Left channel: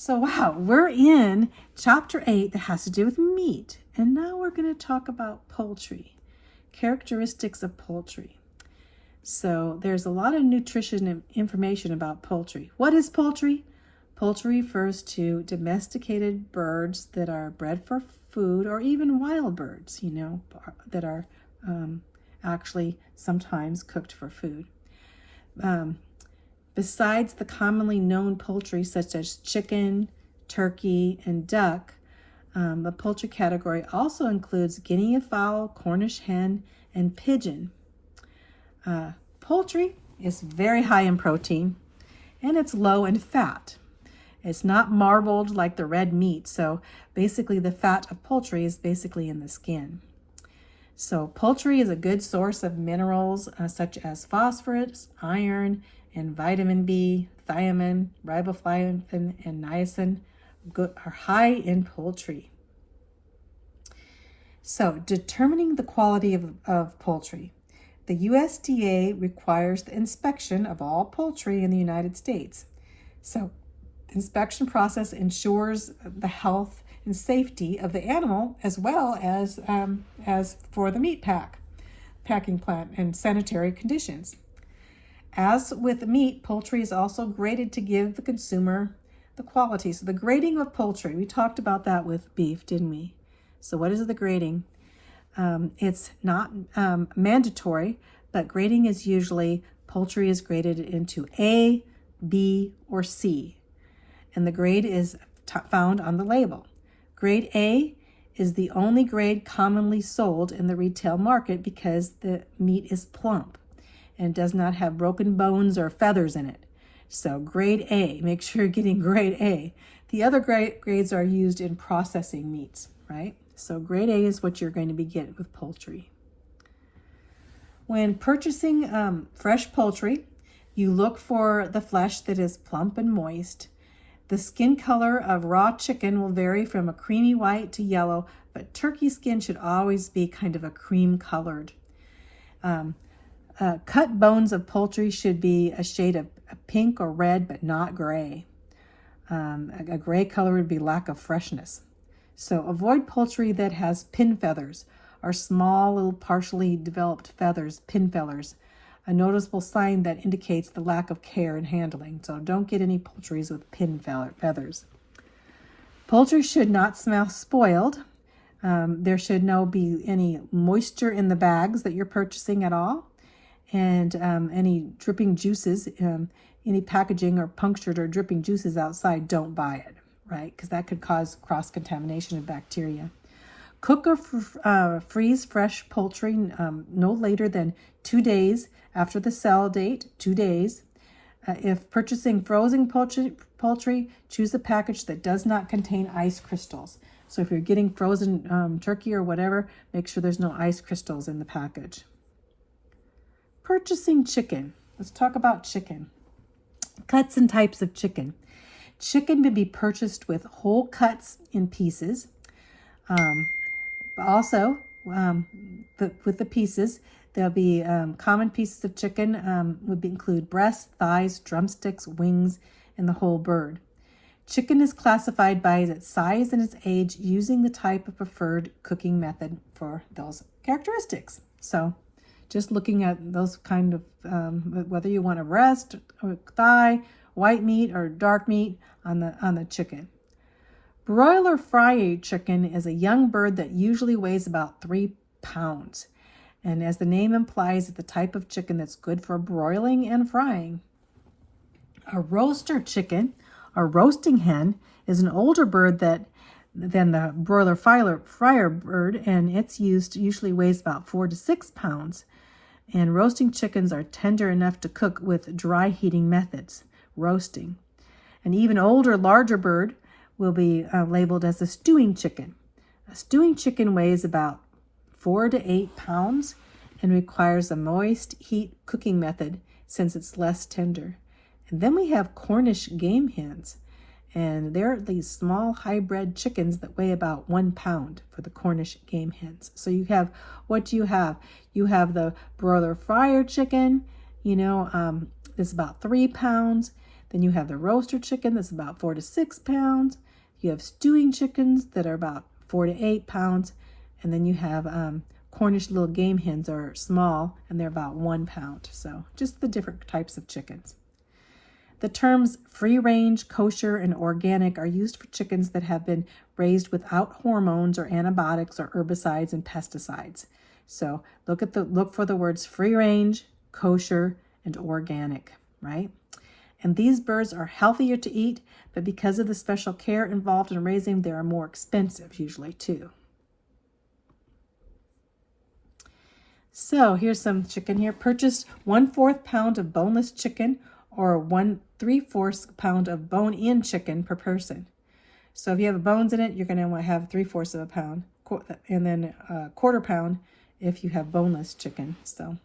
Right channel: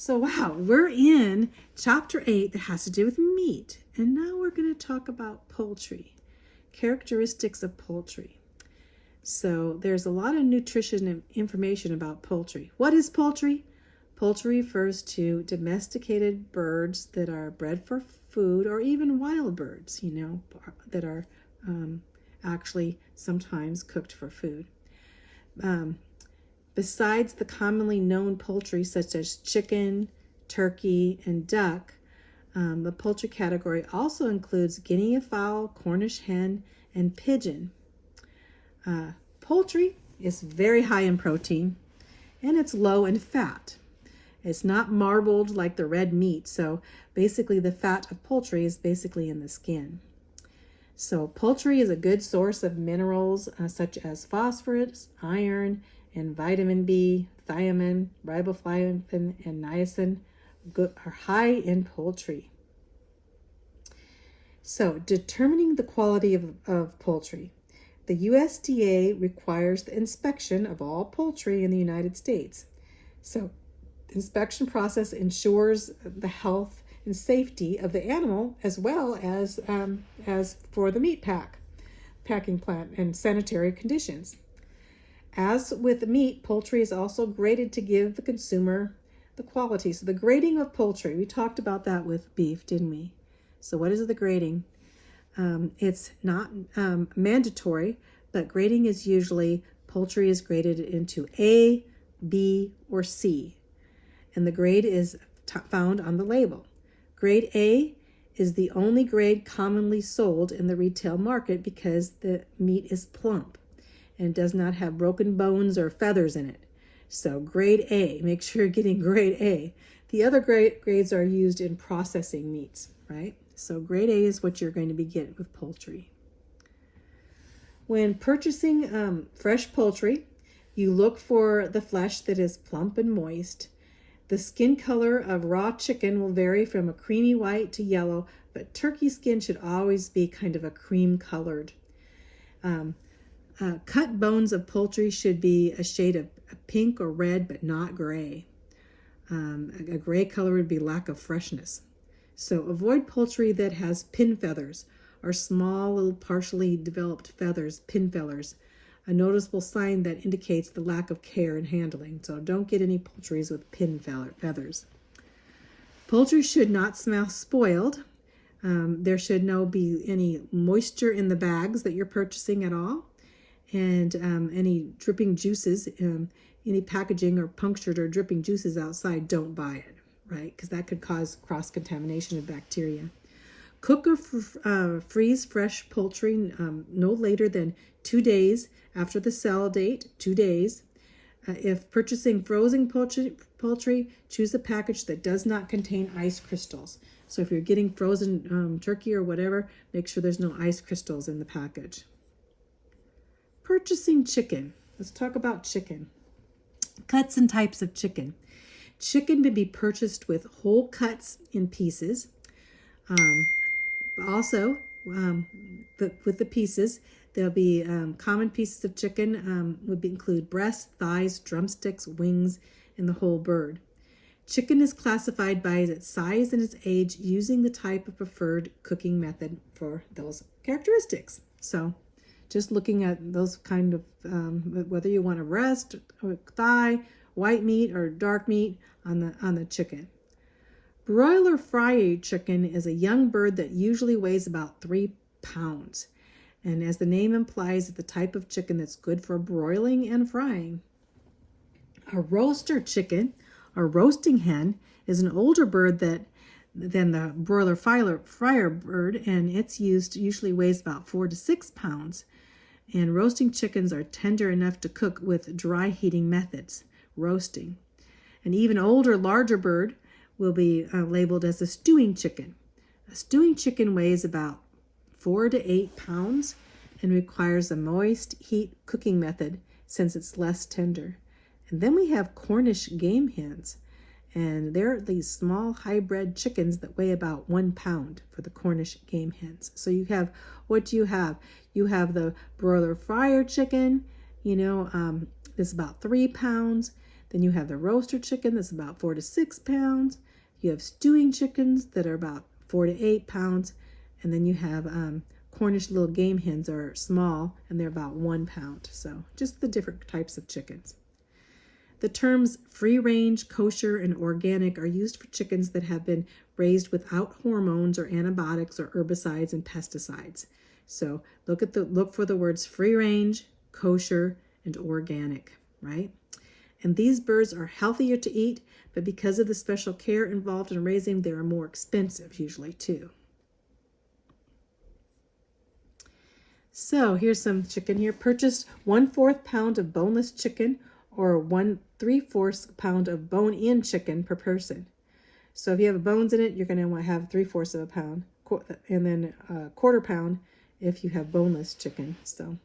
So wow, we're in chapter 8 that has to do with meat. And now we're going to talk about poultry, characteristics of poultry. So there's a lot of nutrition and information about poultry. What is poultry? Poultry refers to domesticated birds that are bred for food, or even wild birds, that are actually sometimes cooked for food. Besides the commonly known poultry such as chicken, turkey, and duck, the poultry category also includes guinea fowl, Cornish hen, and pigeon. Poultry is very high in protein, and it's low in fat. It's not marbled like the red meat, so basically the fat of poultry is basically in the skin. So poultry is a good source of minerals such as phosphorus, iron, and vitamin B, thiamine, riboflavin, and niacin are high in poultry. So determining the quality of poultry. The USDA requires the inspection of all poultry in the United States. So the inspection process ensures the health and safety of the animal, as well as for the meat packing plant and sanitary conditions. As with meat, poultry is also graded to give the consumer the quality. So the grading of poultry, we talked about that with beef, didn't we? So what is the grading? It's not mandatory, but grading is usually, poultry is graded into A, B, or C. And the grade is found on the label. Grade A is the only grade commonly sold in the retail market because the meat is plump and does not have broken bones or feathers in it. So grade A, make sure you're getting grade A. The other grades are used in processing meats, right? So grade A is what you're going to be getting with poultry. When purchasing fresh poultry, you look for the flesh that is plump and moist. The skin color of raw chicken will vary from a creamy white to yellow, but turkey skin should always be kind of a cream colored. Cut bones of poultry should be a shade of pink or red, but not gray. A gray color would be lack of freshness. So avoid poultry that has pin feathers, or small little partially developed feathers, pin feathers, a noticeable sign that indicates the lack of care and handling. So don't get any poultries with pin feathers. Poultry should not smell spoiled. There should not be any moisture in the bags that you're purchasing at all. And any dripping juices, any packaging or punctured or dripping juices outside, don't buy it, right? Because that could cause cross-contamination of bacteria. Cook or freeze fresh poultry no later than 2 days after the sell date, 2 days. If purchasing frozen poultry, choose a package that does not contain ice crystals. So if you're getting frozen turkey or whatever, make sure there's no ice crystals in the package. Purchasing chicken. Let's talk about chicken. Cuts and types of chicken. Chicken may be purchased with whole cuts in pieces. With the pieces, there'll be common pieces of chicken would include breasts, thighs, drumsticks, wings, and the whole bird. Chicken is classified by its size and its age using the type of preferred cooking method for those characteristics. So just looking at those kind of, whether you want a breast, or thigh, white meat, or dark meat on the chicken. Broiler fry-age chicken is a young bird that usually weighs about 3 pounds. And as the name implies, it's the type of chicken that's good for broiling and frying. A roaster chicken, or roasting hen, is an older bird than the broiler fryer bird, and its usually weighs about 4 to 6 pounds. And roasting chickens are tender enough to cook with dry heating methods, roasting. An even older, larger bird will be labeled as a stewing chicken. A stewing chicken weighs about 4 to 8 pounds and requires a moist heat cooking method since it's less tender. And then we have Cornish game hens. And they're these small hybrid chickens that weigh about 1 pound for the Cornish game hens. So you have, what do you have? You have the broiler fryer chicken, it's about 3 pounds. Then you have the roaster chicken that's about 4 to 6 pounds. You have stewing chickens that are about 4 to 8 pounds. And then you have Cornish little game hens are small and they're about 1 pound. So just the different types of chickens. The terms free range, kosher, and organic are used for chickens that have been raised without hormones or antibiotics or herbicides and pesticides. So look for the words free range, kosher, and organic, right? And these birds are healthier to eat, but because of the special care involved in raising, they are more expensive usually too. So here's some chicken here. Purchase 1/4 pound of boneless chicken or 1/3 pound of bone-in chicken per person. So if you have bones in it, you're going to have 3/4 of a pound, and then 1/4 pound if you have boneless chicken. So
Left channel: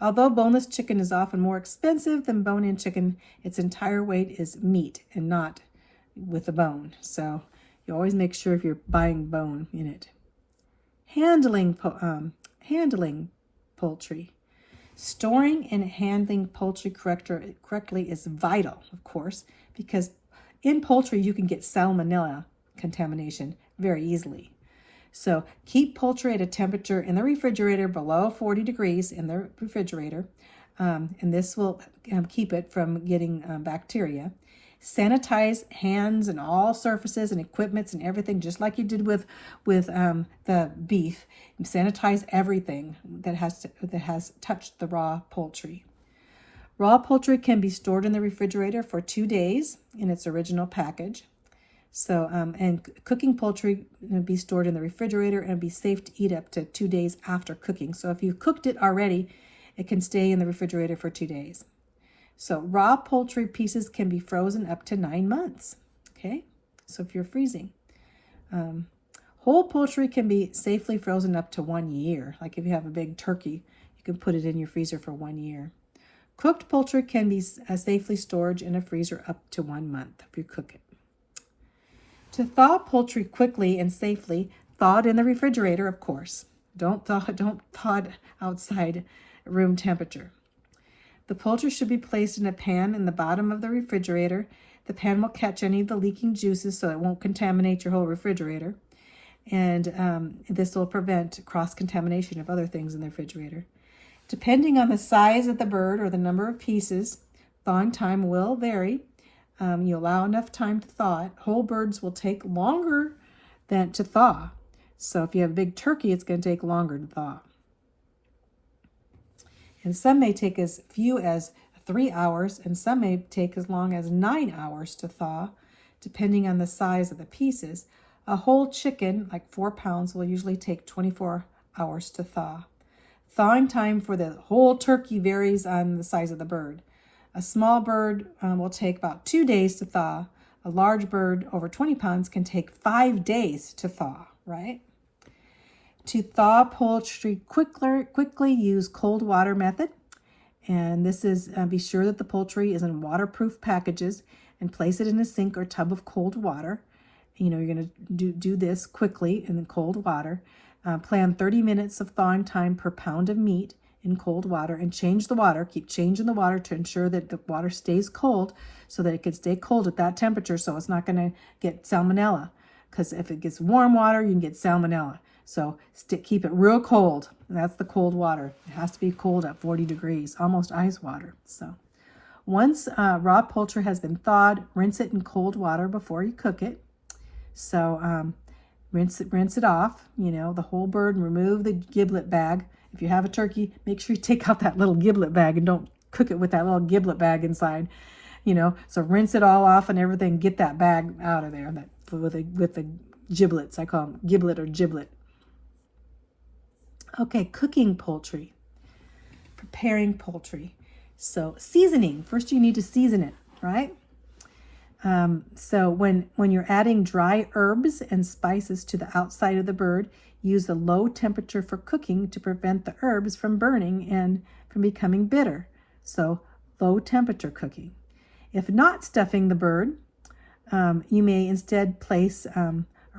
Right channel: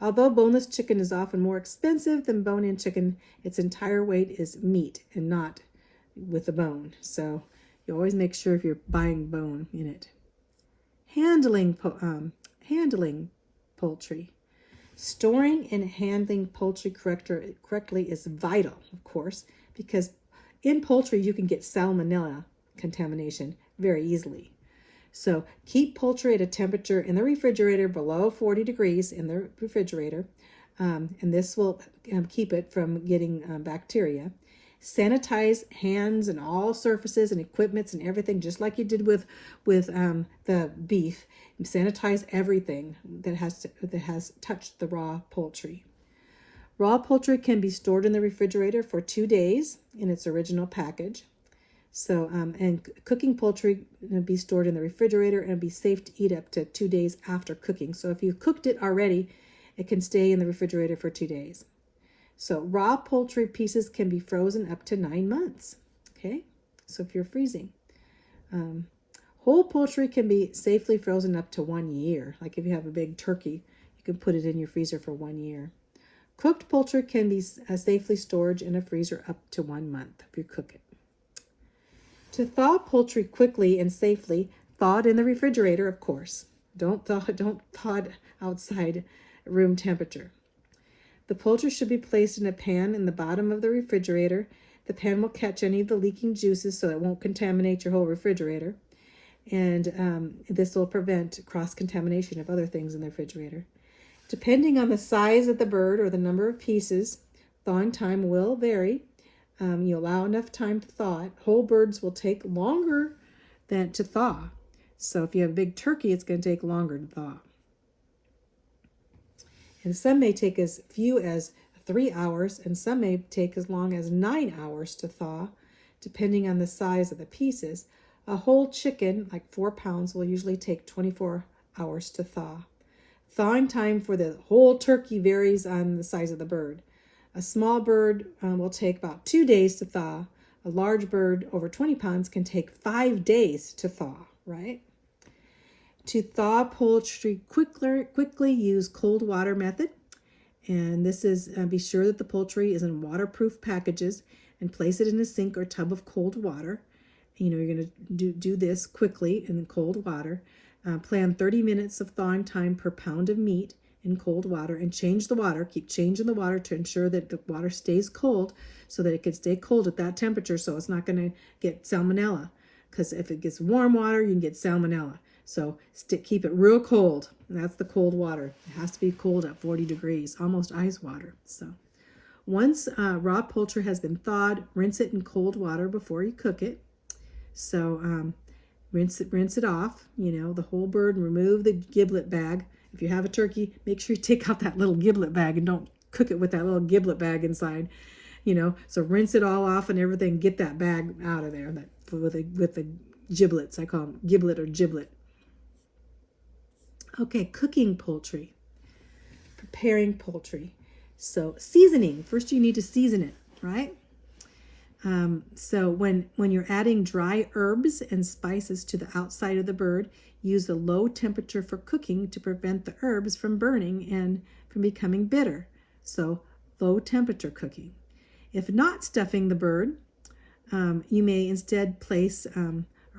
although boneless chicken is often more expensive than bone-in chicken, its entire weight is meat and not with the bone. So you always make sure if you're buying bone in it. Handling poultry. Storing and handling poultry correctly is vital, of course, because in poultry you can get salmonella contamination very easily. So keep poultry at a temperature in the refrigerator below 40 degrees in the refrigerator, and this will keep it from getting bacteria. Sanitize hands and all surfaces and equipments and everything, just like you did with the beef. Sanitize everything that has touched the raw poultry. Raw poultry can be stored in the refrigerator for 2 days in its original package. So, and cooking poultry will be stored in the refrigerator and be safe to eat up to 2 days after cooking. So if you cooked it already, it can stay in the refrigerator for 2 days. So raw poultry pieces can be frozen up to 9 months. Okay, so if you're freezing. Whole poultry can be safely frozen up to 1 year. Like if you have a big turkey, you can put it in your freezer for 1 year. Cooked poultry can be safely stored in a freezer up to 1 month if you cook it. To thaw poultry quickly and safely, thaw it in the refrigerator, of course. Don't thaw it outside room temperature. The poultry should be placed in a pan in the bottom of the refrigerator. The pan will catch any of the leaking juices so it won't contaminate your whole refrigerator. And this will prevent cross-contamination of other things in the refrigerator. Depending on the size of the bird or the number of pieces, thawing time will vary. You allow enough time to thaw it. Whole birds will take longer than to thaw. So if you have a big turkey, it's going to take longer to thaw. And some may take as few as 3 hours, and some may take as long as 9 hours to thaw, depending on the size of the pieces. A whole chicken, like 4 pounds, will usually take 24 hours to thaw. Thawing time for the whole turkey varies on the size of the bird. A small bird will take about 2 days to thaw. A large bird over 20 pounds can take 5 days to thaw, right? To thaw poultry quickly use cold water method. And this is, be sure that the poultry is in waterproof packages and place it in a sink or tub of cold water. You're going to do this quickly in cold water. Plan 30 minutes of thawing time per pound of meat in cold water and change the water. Keep changing the water to ensure that the water stays cold so that it can stay cold at that temperature so it's not going to get salmonella. Because if it gets warm water, you can get salmonella. So keep it real cold. And that's the cold water. It has to be cold at 40 degrees, almost ice water. So once raw poultry has been thawed, rinse it in cold water before you cook it. So rinse it off, the whole bird, and remove the giblet bag. If you have a turkey, make sure you take out that little giblet bag and don't cook it with that little giblet bag inside, So rinse it all off and everything. Get that bag out of there with the giblets. I call them giblet or giblet. Okay, cooking poultry. Preparing poultry. So seasoning. First you need to season it, right? So when you're adding dry herbs and spices to the outside of the bird, use a low temperature for cooking to prevent the herbs from burning and from becoming bitter. So low temperature cooking. If not stuffing the bird, you may instead place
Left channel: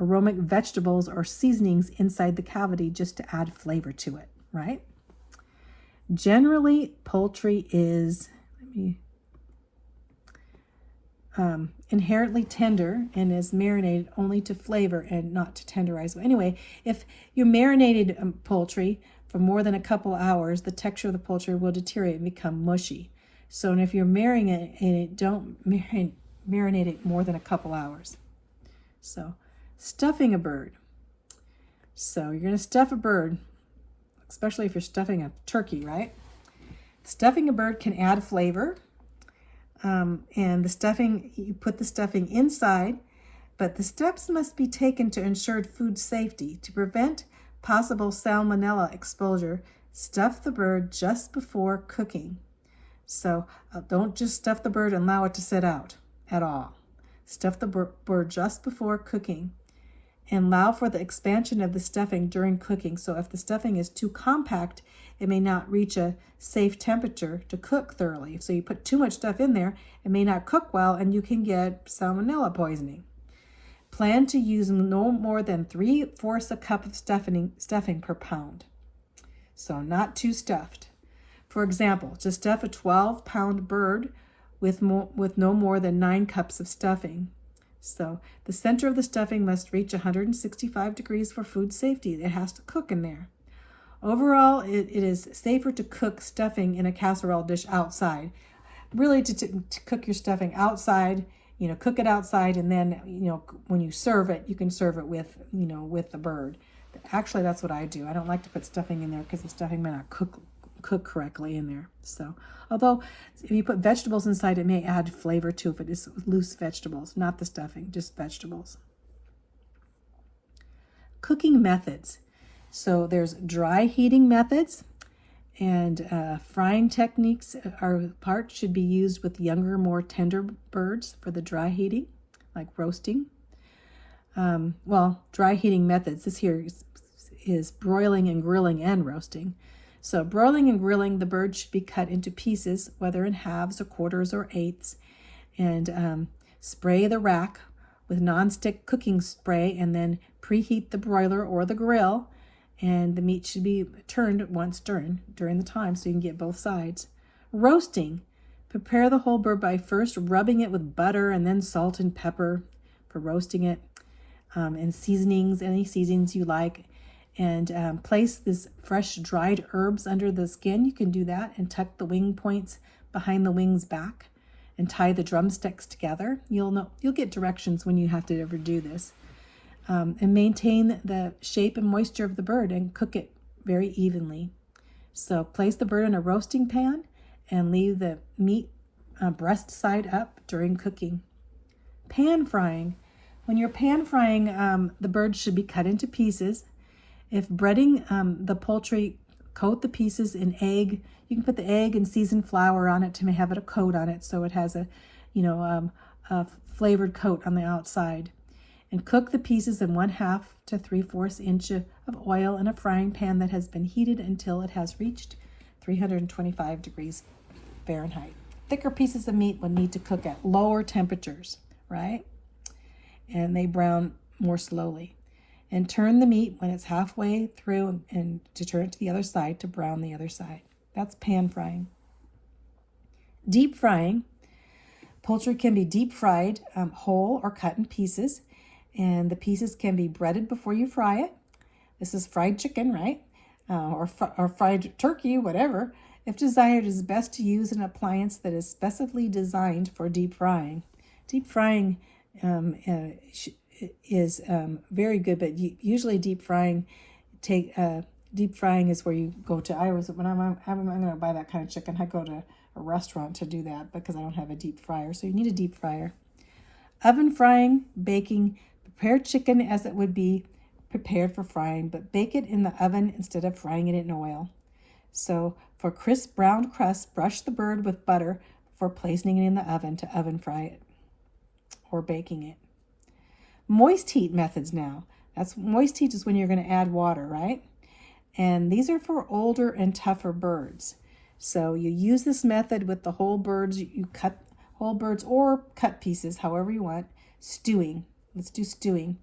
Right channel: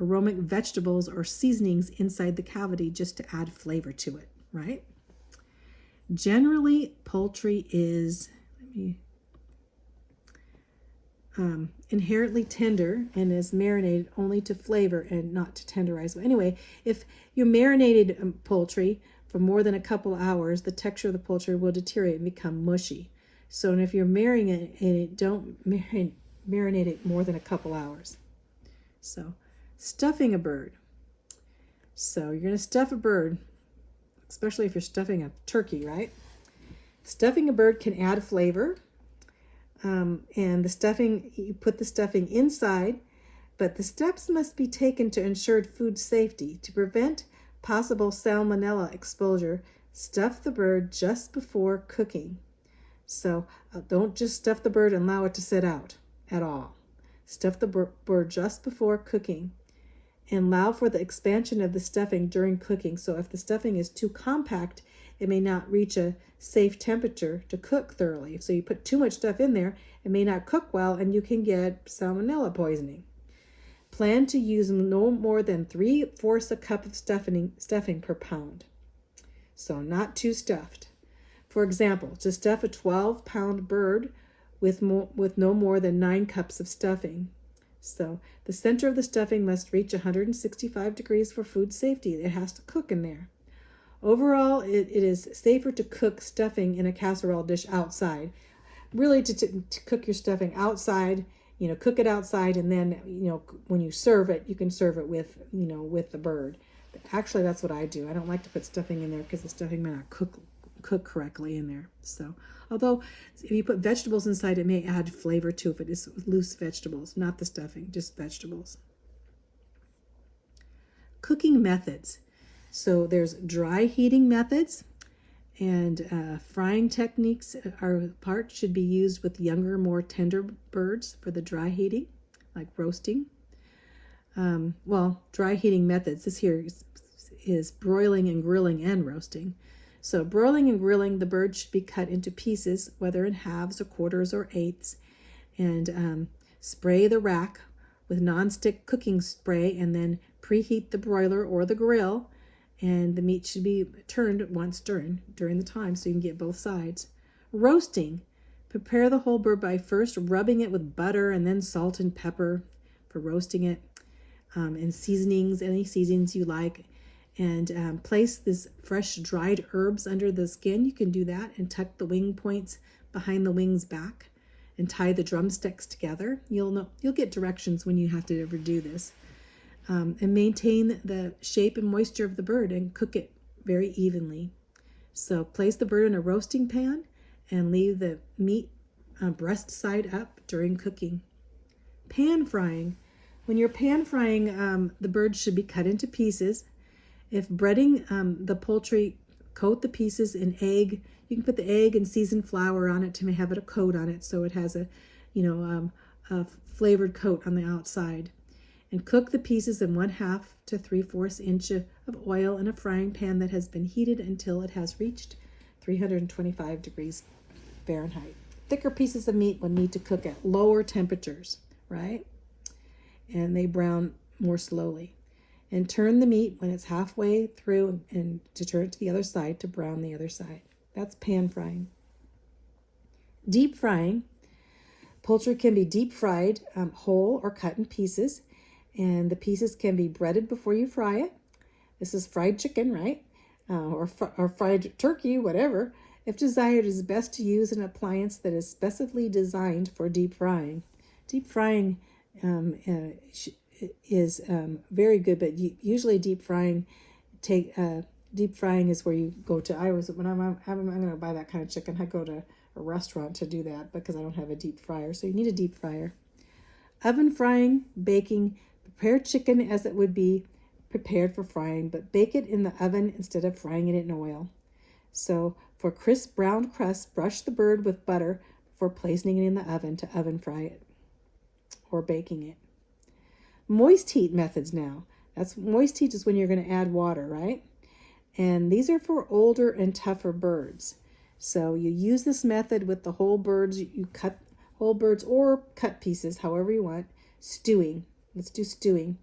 aromatic vegetables or seasonings inside the cavity just to add flavor to it, right? Generally, poultry is, inherently tender and is marinated only to flavor and not to tenderize. But anyway, if you marinated poultry for more than a couple hours, the texture of the poultry will deteriorate and become mushy. So, and if you're marinating it, don't marinate it more than a couple hours. So, stuffing a bird. So you're going to stuff a bird, especially if you're stuffing a turkey, right? Stuffing a bird can add flavor. And the stuffing, you put the stuffing inside, but the steps must be taken to ensure food safety. To prevent possible salmonella exposure, stuff the bird just before cooking. So don't just stuff the bird and allow it to sit out at all. Stuff the bird just before cooking and allow for the expansion of the stuffing during cooking. So if the stuffing is too compact, it may not reach a safe temperature to cook thoroughly. So you put too much stuff in there, it may not cook well, and you can get salmonella poisoning. Plan to use no more than 3/4 a cup of stuffing per pound. So not too stuffed. For example, to stuff a 12-pound bird with no more than 9 cups of stuffing. So the center of the stuffing must reach 165 degrees for food safety. It has to cook in there. Overall, it is safer to cook stuffing in a casserole dish outside. Really, to cook your stuffing outside, cook it outside, and then, when you serve it, you can serve it with, with the bird. Actually, that's what I do. I don't like to put stuffing in there because the stuffing may not cook correctly in there. So, although if you put vegetables inside, it may add flavor too if it is loose vegetables, not the stuffing, just vegetables. Cooking methods. So there's dry heating methods, and frying techniques should be used with younger, more tender birds for the dry heating, like roasting. Dry heating methods, this here is broiling and grilling and roasting. So broiling and grilling, the bird should be cut into pieces, whether in halves or quarters or eighths, and spray the rack with nonstick cooking spray, and then preheat the broiler or the grill, and the meat should be turned once during the time so you can get both sides. Roasting, prepare the whole bird by first rubbing it with butter and then salt and pepper for roasting it, and seasonings, any seasonings you like. And place this fresh dried herbs under the skin. You can do that, and tuck the wing points behind the wings back and tie the drumsticks together. You'll get directions when you have to ever do this. And maintain the shape and moisture of the bird and cook it very evenly. So place the bird in a roasting pan and leave the meat breast side up during cooking. Pan frying. When you're pan frying, the bird should be cut into pieces. If breading the poultry, coat the pieces in egg. You can put the egg and seasoned flour on it to have it a coat on it, so it has a flavored coat on the outside. And cook the pieces in 1/2 to 3/4 inch of oil in a frying pan that has been heated until it has reached 325 degrees Fahrenheit. Thicker pieces of meat will need to cook at lower temperatures, right? And they brown more slowly. And turn the meat when it's halfway through and to turn it to the other side to brown the other side. That's pan frying. Deep frying. Poultry can be deep fried, whole or cut in pieces. And the pieces can be breaded before you fry it. This is fried chicken, right? Or fried turkey, whatever. If desired, it is best to use an appliance that is specifically designed for deep frying. Deep frying is very good, but usually deep frying is where you go to. When I'm going to buy that kind of chicken, I go to a restaurant to do that because I don't have a deep fryer. So you need a deep fryer. Oven frying, baking. Prepare chicken as it would be prepared for frying, but bake it in the oven instead of frying it in oil. So for crisp brown crust, brush the bird with butter before placing it in the oven to oven fry it or baking it. Moist heat methods now. Moist heat is when you're going to add water, right? And these are for older and tougher birds. So you use this method with the whole birds. You cut whole birds or cut pieces, however you want. Stewing. Let's do stewing.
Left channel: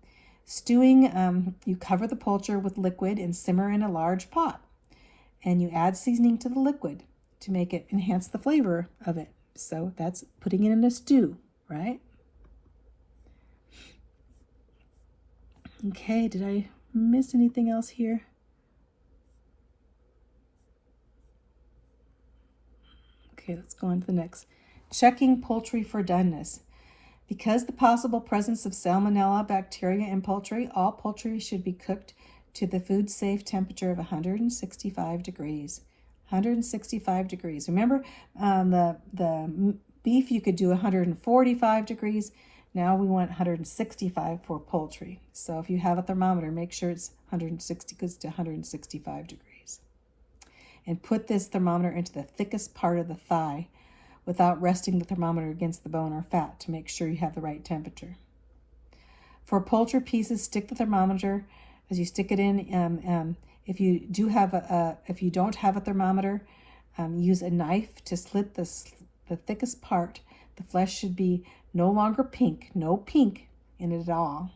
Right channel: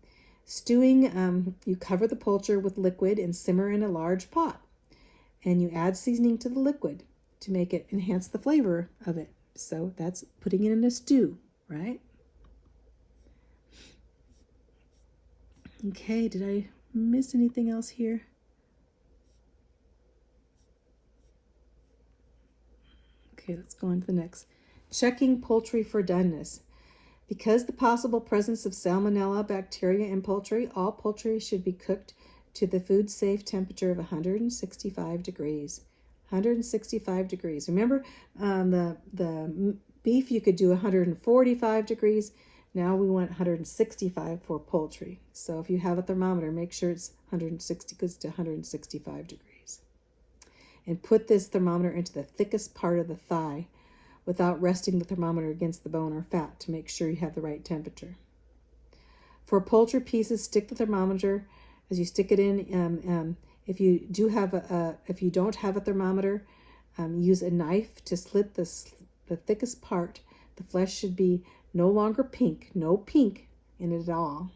Stewing, you cover the poultry with liquid and simmer in a large pot. And you add seasoning to the liquid to make it enhance the flavor of it. So that's putting it in a stew, right? Okay, did I miss anything else here? Okay, let's go on to the next. Checking poultry for doneness. Because the possible presence of salmonella bacteria in poultry, all poultry should be cooked to the food safe temperature of 165 degrees. 165 degrees. Remember, the beef you could do 145 degrees. Now we want 165 for poultry. So if you have a thermometer, make sure it's 160 goes to 165 degrees. And put this thermometer into the thickest part of the thigh without resting the thermometer against the bone or fat to make sure you have the right temperature. For poultry pieces, stick the thermometer as you stick it in. If you don't have a thermometer, use a knife to slit the thickest part. The flesh should be no longer pink, no pink in it at all,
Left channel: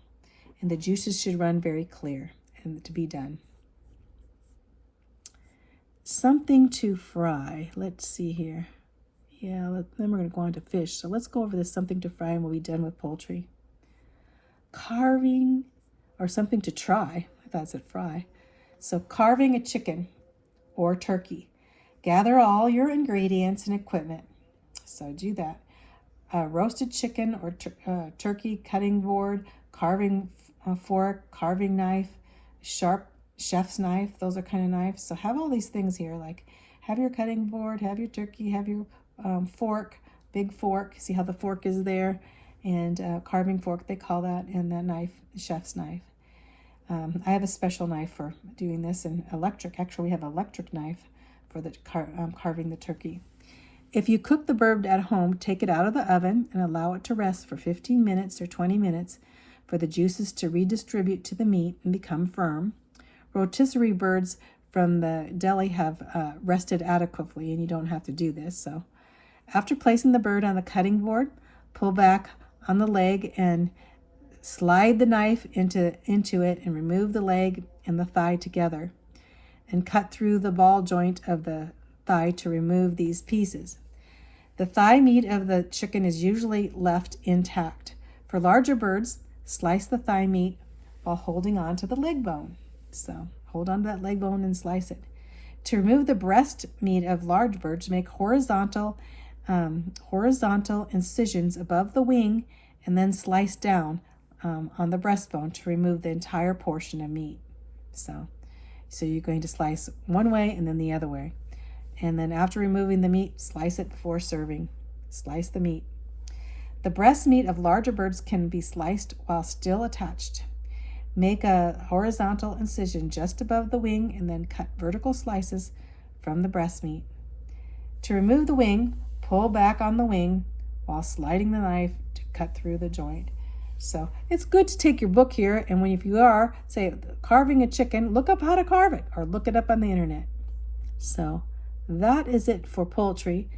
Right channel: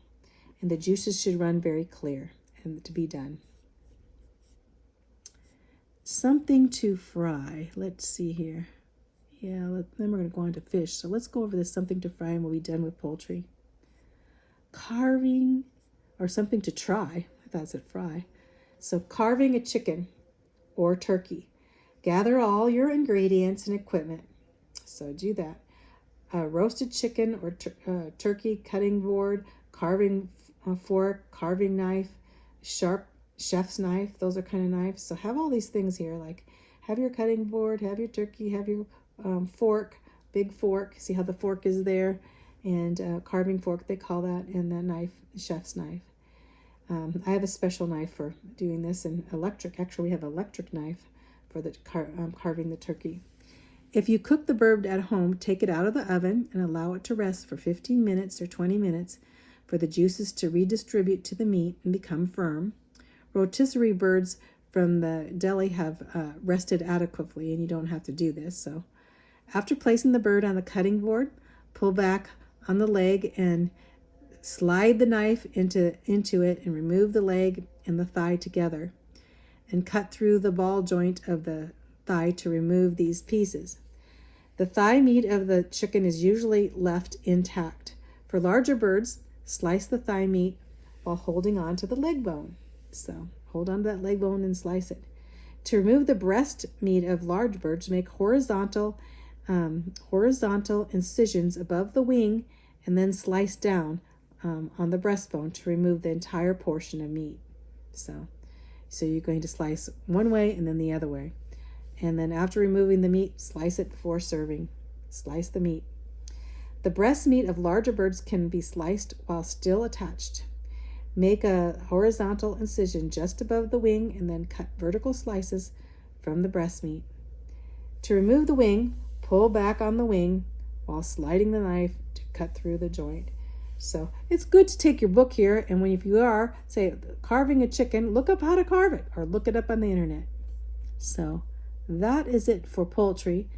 and the juices should run very clear and to be done. Something to fry. Let's see here. Yeah, then we're going to go on to fish. So let's go over this something to fry and we'll be done with poultry. Carving, or something to try. I thought it said fry. So carving a chicken or turkey. Gather all your ingredients and equipment. So do that. Roasted chicken or turkey cutting board, carving fork, carving knife, sharp chef's knife. Those are kind of knives. So have all these things here. Like have your cutting board, have your turkey, have your fork, big fork. See how the fork is there? And carving fork, they call that, and the knife, the chef's knife. I have a special knife for doing this, and electric. Actually, we have an electric knife for the carving the turkey. If you cook the bird at home, take it out of the oven and allow it to rest for 15 minutes or 20 minutes for the juices to redistribute to the meat and become firm. Rotisserie birds from the deli have rested adequately, and you don't have to do this. So after placing the bird on the cutting board, pull back on the leg and slide the knife into it and remove the leg and the thigh together and cut through the ball joint of the thigh to remove these pieces. The thigh meat of the chicken is usually left intact. For larger birds, slice the thigh meat while holding on to the leg bone. So hold on to that leg bone and slice it. To remove the breast meat of large birds, make horizontal incisions above the wing and then slice down on the breastbone to remove the entire portion of meat. So you're going to slice one way and then the other way. And then after removing the meat, slice it before serving. Slice the meat. The breast meat of larger birds can be sliced while still attached. Make a horizontal incision just above the wing and then cut vertical slices from the breast meat. To remove the wing, pull back on the wing while sliding the knife to cut through the joint. So it's good to take your book here, and if you are, say, carving a chicken, look up how to carve it or look it up on the internet. So that is it for poultry.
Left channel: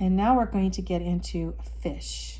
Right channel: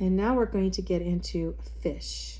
And now we're going to get into fish.